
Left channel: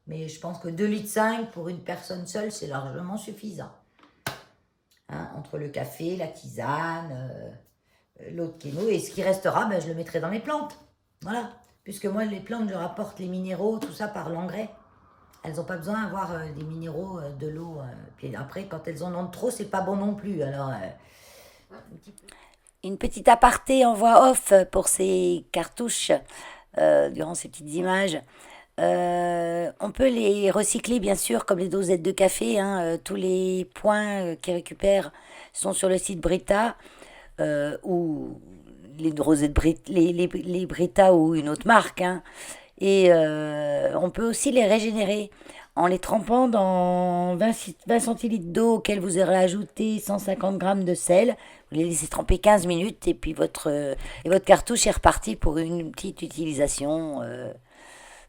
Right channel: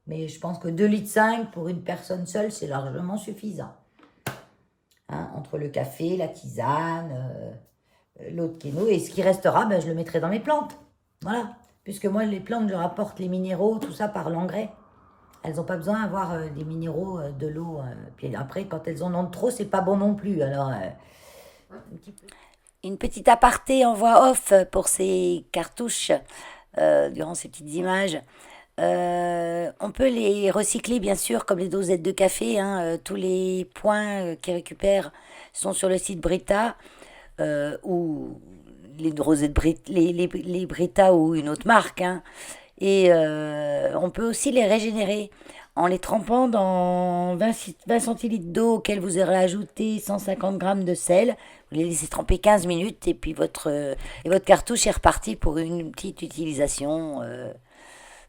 Mais je pense que 2,5 litres pour une personne seule, c'est largement suffisant. Hein, entre le café, la tisane, l'eau de kéno. Et ce qui restera, ben, je le mettrai dans mes plantes. Voilà. Puisque moi, les plantes, je leur apporte les minéraux, tout ça par l'engrais. Elles n'ont pas besoin d'avoir des minéraux, de l'eau. Puis après, quand elles en ont trop, c'est pas bon non plus. Alors, une petite aparté en voix off pour ces cartouches, durant ces petites images. On peut les recycler, bien sûr, comme les dosettes de café. Hein, tous les points qu'ils récupèrent sont sur le site Brita, ou les rosettes les Brita ou une autre marque. Hein. Et on peut aussi les régénérer en les trempant dans 20 centilitres d'eau auquel vous aurez ajouté 150 grammes de sel. Vous les laissez tremper 15 minutes et puis votre cartouche est repartie pour une petite utilisation.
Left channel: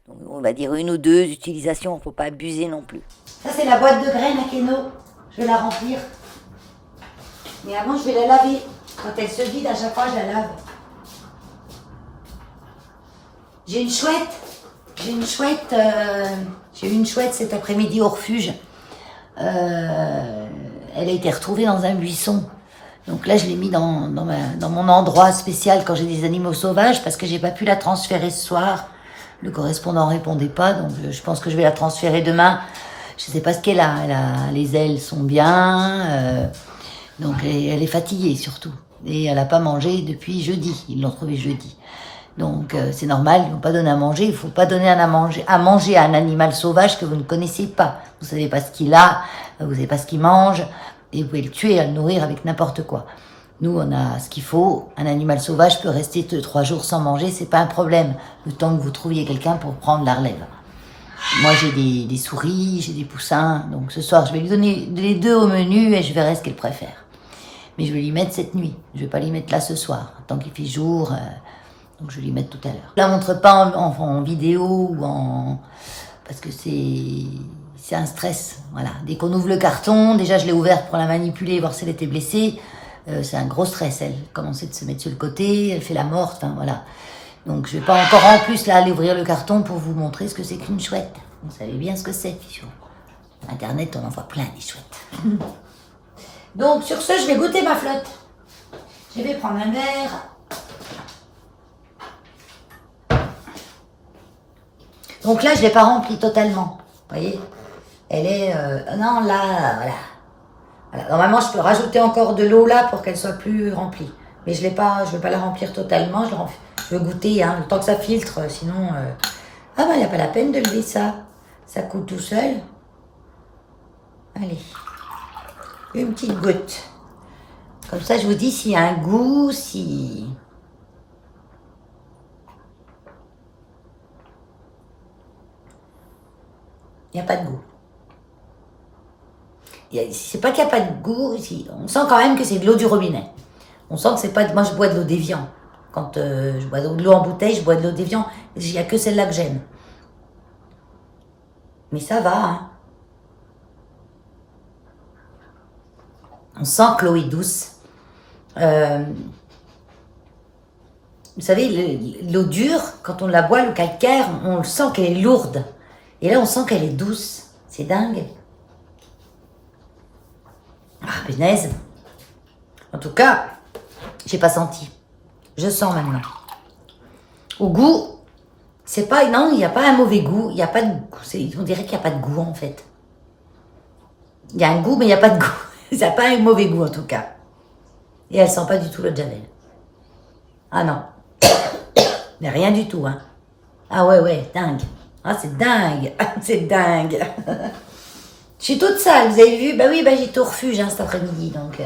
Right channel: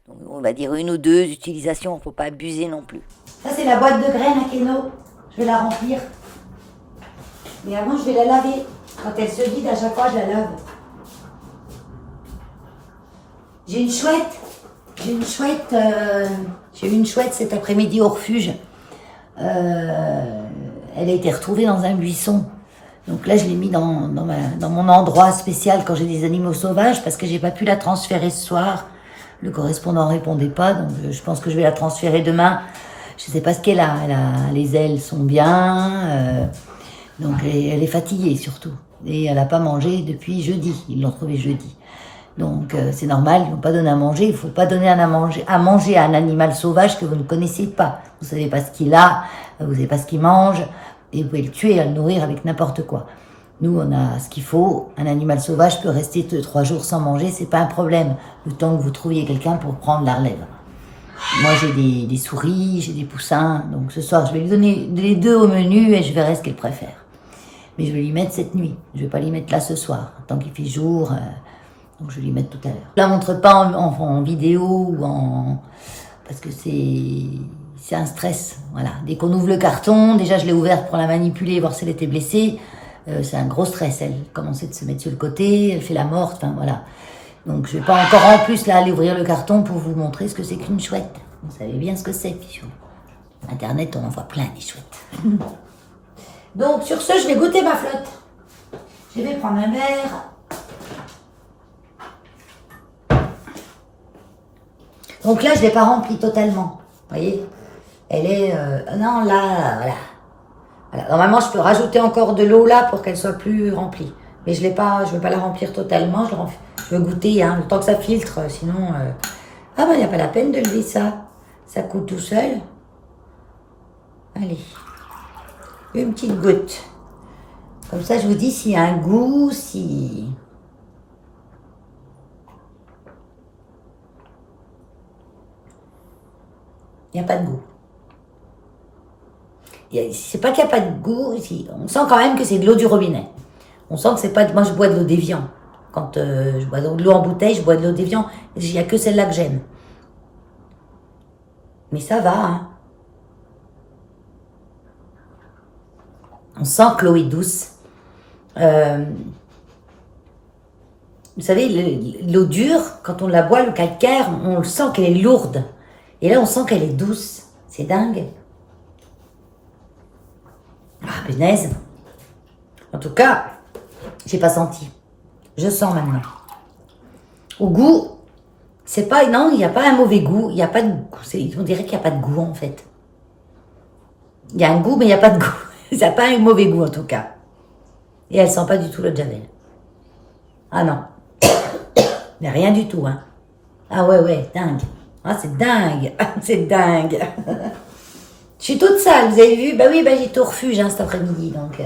Donc on va dire 1 ou 2 utilisations, il ne faut pas abuser non plus. Ça c'est la boîte de graines à Keno. Je vais la remplir. Mais avant je vais la laver. Quand elle se vide, à chaque fois je la lave. J'ai eu une chouette cet après-midi au refuge. Elle a été retrouvée dans un buisson. Donc là, je l'ai mis dans mon endroit spécial quand j'ai des animaux sauvages parce que j'ai pas pu la transférer ce soir. Le correspondant répondait pas, donc je pense que je vais la transférer demain. Je sais pas ce qu'elle a. Les ailes sont bien, donc elle est fatiguée surtout. Et elle a pas mangé depuis jeudi. Ils l'ont trouvée jeudi. Donc c'est normal, ils n'ont pas donné à manger. Il ne faut pas donner à manger à un animal sauvage que vous ne connaissez pas. Vous ne savez pas ce qu'il a, vous ne savez pas ce qu'il mange, et vous pouvez le tuer et le nourrir avec n'importe quoi. Nous, on a ce qu'il faut. Un animal sauvage peut rester 2-3 jours sans manger, c'est pas un problème, le temps que vous trouviez quelqu'un pour prendre la relève. Moi, j'ai des souris, j'ai des poussins, donc ce soir, je vais lui donner les 2 au menu et je verrai ce qu'elle préfère. Mais je vais lui mettre cette nuit, je vais pas lui mettre là ce soir, tant qu'il fait jour... Donc je vais lui mettre tout à l'heure. Je la montre pas en vidéo ou parce que c'est un stress. Voilà. Dès qu'on ouvre le carton, déjà je l'ai ouverte pour la manipuler, voir si elle était blessée. C'est un gros stress. Elle commençait de se mettre sur le côté, elle fait la morte. Enfin voilà. Donc je vais pas encore en plus là aller ouvrir le carton pour vous montrer ce que c'est qu'une chouette. Vous savez bien ce que c'est. Sur Internet, on en voit plein des chouettes. Donc sur ce, je vais goûter ma flotte. Je vais prendre un verre. Donc là, je ne l'ai pas remplie totalement. Vous voyez? Elle est... non, là, voilà. Normalement, je peux rajouter encore de l'eau là pour qu'elle soit plus remplie. Mais je ne veux pas la remplir totalement. Je veux goûter, hein, le temps que ça filtre. Sinon... Ah ben, il n'y a pas la peine de lever ça. Ça coule tout seul. Allez. Une petite goutte. Comme ça, je vous dis s'il y a un goût, si... Il n'y a pas de goût. C'est pas qu'il n'y a pas de goût, on sent quand même que c'est de l'eau du robinet. On sent que c'est pas... Moi, je bois de l'eau d'Évian. Quand je bois de l'eau en bouteille, je bois de l'eau d'Évian. Il n'y a que celle-là que j'aime. Mais ça va, hein. On sent que l'eau est douce. Vous savez, l'eau dure, quand on la boit, le calcaire, on le sent qu'elle est lourde. Et là, on sent qu'elle est douce. C'est dingue. Ah, punaise. En tout cas, j'ai pas senti. Je sens maintenant. Au goût, c'est pas... Non, il n'y a pas un mauvais goût. Il n'y a pas de goût. On dirait qu'il n'y a pas de goût, en fait. Il y a un goût, mais il n'y a pas de goût. Ça n'a pas un mauvais goût, en tout cas. Et elle sent pas du tout le Javel. Ah non. Mais rien du tout, hein. Ah ouais, dingue. Ah, c'est dingue. C'est dingue. Je suis toute sale, vous avez vu? Bah oui, j'étais au refuge hein, cet après-midi. Donc,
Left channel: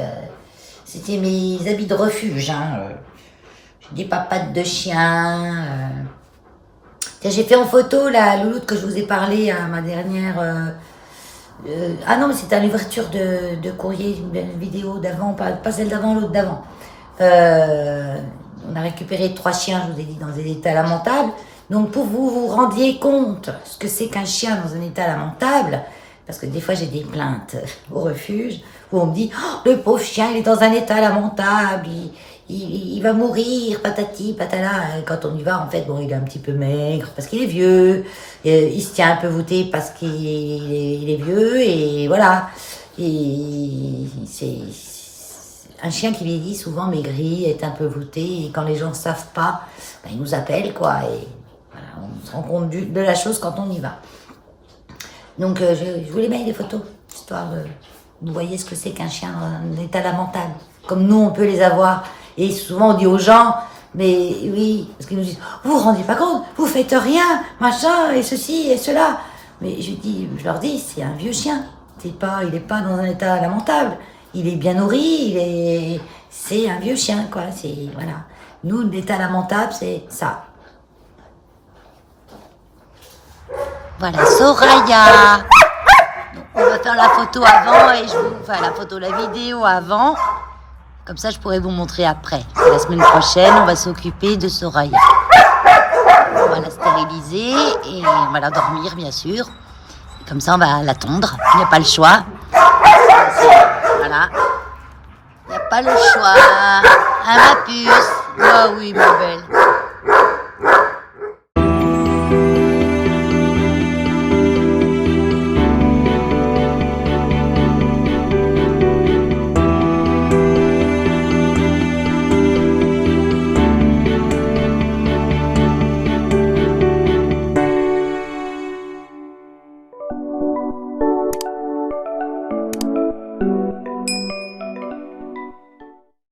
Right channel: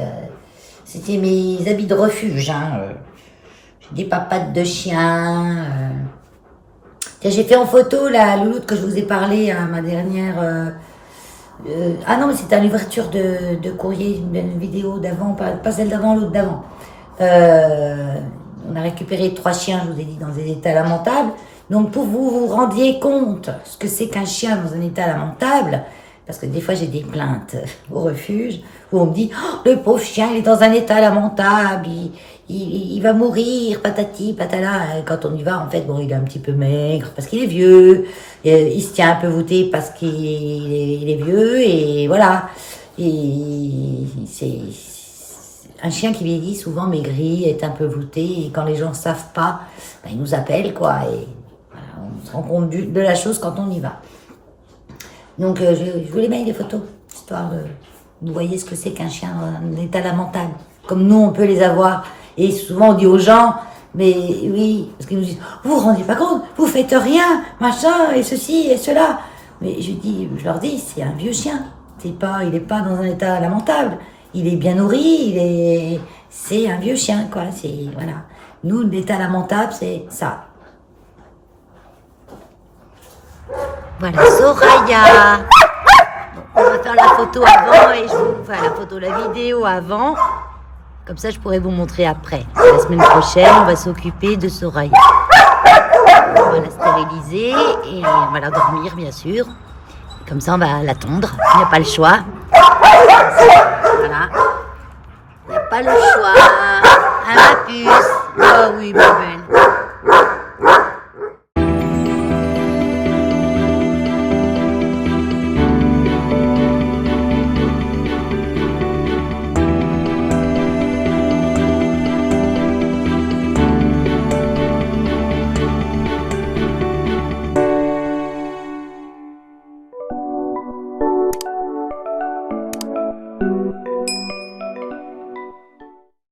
C'était mes habits de refuge. Hein. J'ai des papates de chien. Tiens, j'ai fait en photo la louloute que je vous ai parlé à ma dernière... ah non, mais c'était à l'ouverture de courrier, une vidéo d'avant, pas celle d'avant, l'autre d'avant. On a récupéré 3 chiens, je vous ai dit, dans des états lamentables. Donc pour vous vous rendiez compte ce que c'est qu'un chien dans un état lamentable, parce que des fois j'ai des plaintes au refuge où on me dit oh, le pauvre chien il est dans un état lamentable, il va mourir, patati patala. Quand on y va en fait bon il est un petit peu maigre parce qu'il est vieux, il se tient un peu voûté parce qu'il est vieux et voilà. Et c'est un chien qui vieillit souvent maigri, est un peu voûté et quand les gens savent pas, ben, ils nous appellent quoi et voilà, on se rend compte de la chose quand on y va. Donc je voulais mettre des photos, histoire de vous voyez ce que c'est qu'un chien en état lamentable, comme nous on peut les avoir. Et souvent on dit aux gens, mais oui, parce qu'ils nous disent, vous vous rendez pas compte, vous faites rien, machin, et ceci et cela. Mais je leur dis, c'est un vieux chien, il est pas dans un état lamentable, il est bien nourri, c'est un vieux chien quoi, c'est voilà. Nous l'état lamentable c'est ça. Voilà, Soraya. On va faire la photo avant et la vidéo avant. Comme ça, je pourrais vous montrer après. La semaine prochaine, on va s'occuper de Soraya. On va la stériliser et on va la dormir, bien sûr. Comme ça, on va la tondre. Il n'y a pas le choix. Voilà. Il n'y a pas le choix. Ah, ma puce. Ah oui, ma belle.